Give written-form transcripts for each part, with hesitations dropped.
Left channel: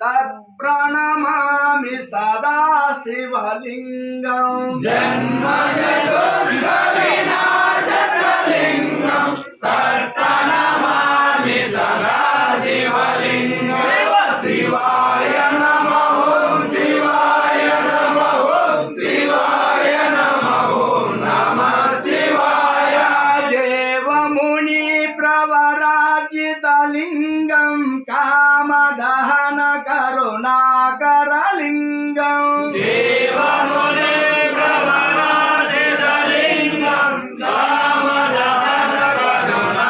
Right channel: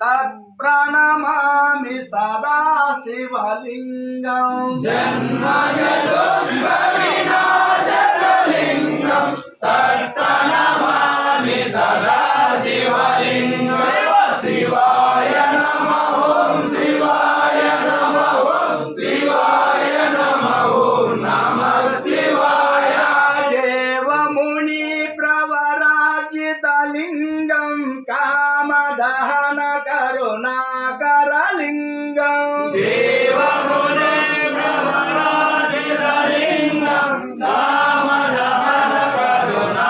तत्प्रणमामि सदा शिवलिङ्गं जन्मजन्मविनाशकलिङ्गं तत्प्रणमामि सदा शिवलिङ्गं शिवाय नमः ॐ शिवाय नमः ॐ शिवाय नमः ॐ नमः शिवाय देवमुनि प्रवराजितलिङ्गं कामदहन करुणाकरलिङ्गं देवमुने प्रवराजितलिङ्गं कामदहन करुणाकरलिङ्गं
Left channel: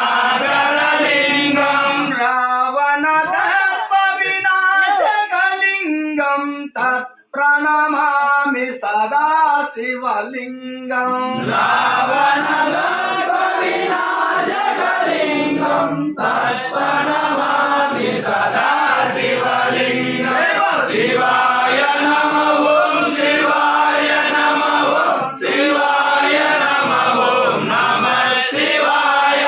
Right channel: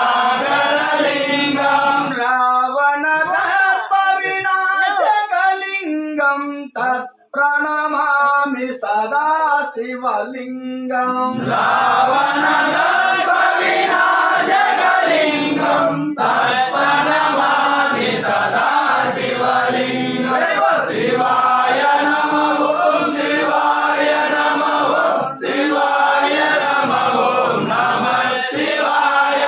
रावणदर्पविनाशकलिङ्गं तत्प्रणमामि सदा शिवलिङ्गं रावणदर्पविनाशकलिङ्गं तत्प्रणमामि सदा शिवलिङ्गं शिवाय नमः ॐ शिवाय नमः ॐ शिवाय नमः ॐ नमः शिवाय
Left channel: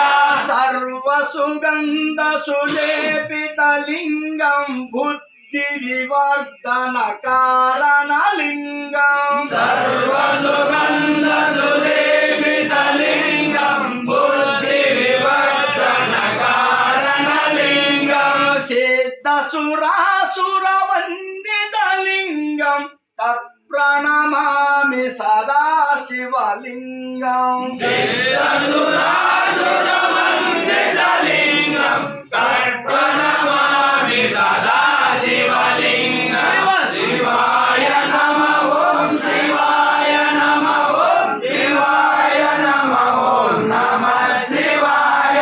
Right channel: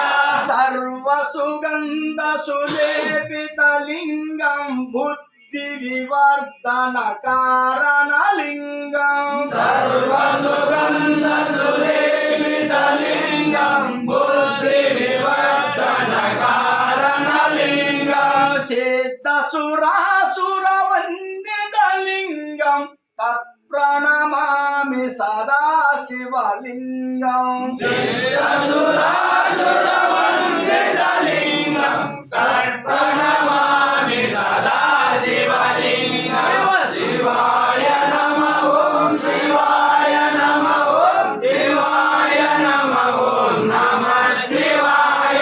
सर्वसुगन्धसुलेपितलिङ्गं बुद्धिविवर्धनकारणलिङ्गं सर्वसुगन्धसुलेपितलिङ्गं बुद्धिविवर्धनकारणलिङ्गं सिद्धसुरासुरवन्दितलिङ्गं तत्प्रणमामि सदा शिवलिङ्गं सिद्धसुरासुरवन्दितलिङ्गं तत्प्रणमामि सदा शिवलिङ्गं शिवाय नमः ॐ शिवाय नमः ॐ शिवाय नमः ॐ नमः शिवाय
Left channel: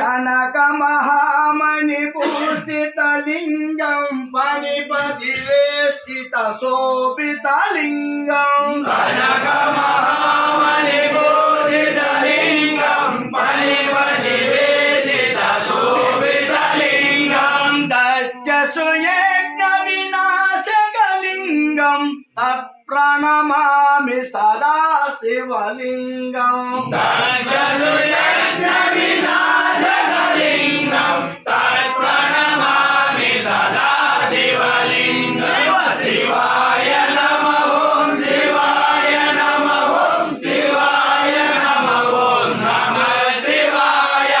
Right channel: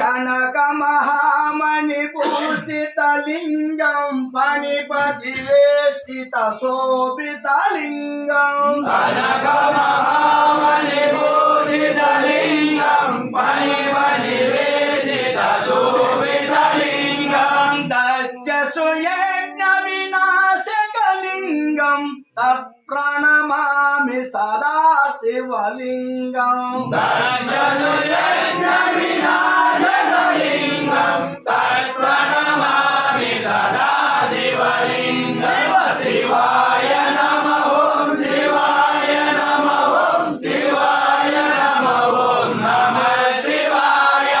कनकमहामणिभूषितलिङ्गं फणिपतिवेष्टितशोभितलिङ्गं कनकमहामणिभूषितलिङ्गं फणिपतिवेशितशोभितलिङ्गं दक्षसुयज्ञविनाशकलिङ्गं तत्प्रणमामि सदा शिवलिङ्गं दक्षसुयज्ञविनाशकलिङ्गं तत्प्रणमामि सदा शिवलिङ्गं शिवाय नमः ॐ शिवाय नमः ॐ शिवाय नमः ॐ नमः शिवाय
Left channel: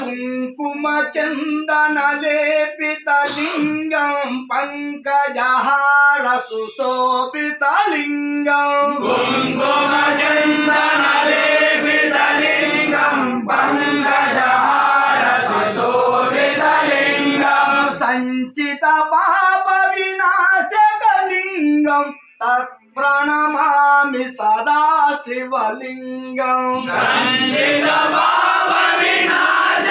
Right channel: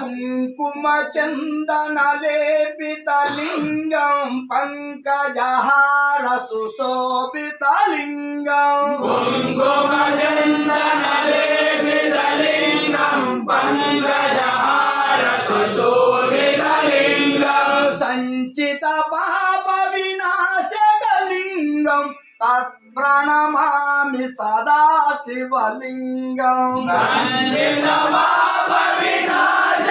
कुङ्कुमचन्दनलेपितलिङ्गं पङ्कजहार सुशोभितलिङ्गं कुङ्कुमचन्दनलेपितलिङ्गं पङ्कजहार सुशोभितलिङ्गं सञ्चितपापविनाशकलिङ्गं तत्प्रणमामि सदा शिवलिङ्गं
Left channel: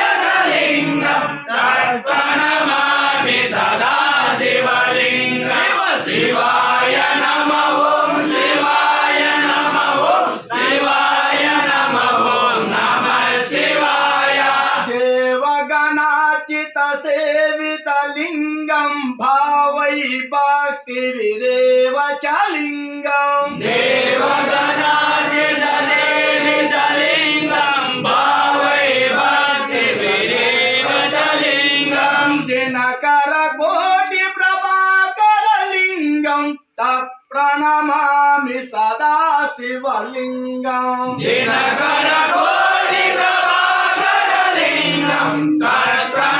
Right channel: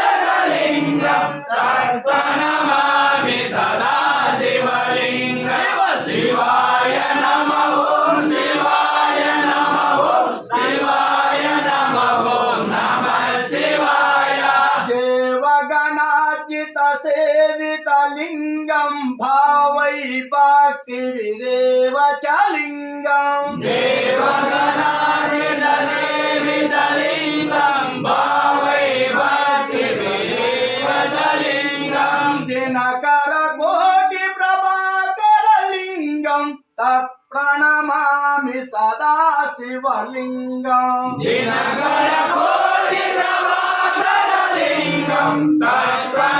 सञ्चितपापविनाशकलिङ्गं तत्प्रणमामि सदा शिवलिङ्गं शिवाय नमः ॐ शिवाय नमः ॐ शिवाय नमः ॐ नमः शिवाय देवगणाचितसेवितलिङ्गं भावै भक्तिविदेव च लिङ्गं देवगणाजितसेवितलिङ्गं भावै भक्तिविदेव च लिङ्गं दिनकरकोटिप्रभाकरलिङ्गं तत्प्रणमामि सदा शिवलिङ्गं दिनकरकोटिप्रभाकरलिङ्गं तत्प्रणमामि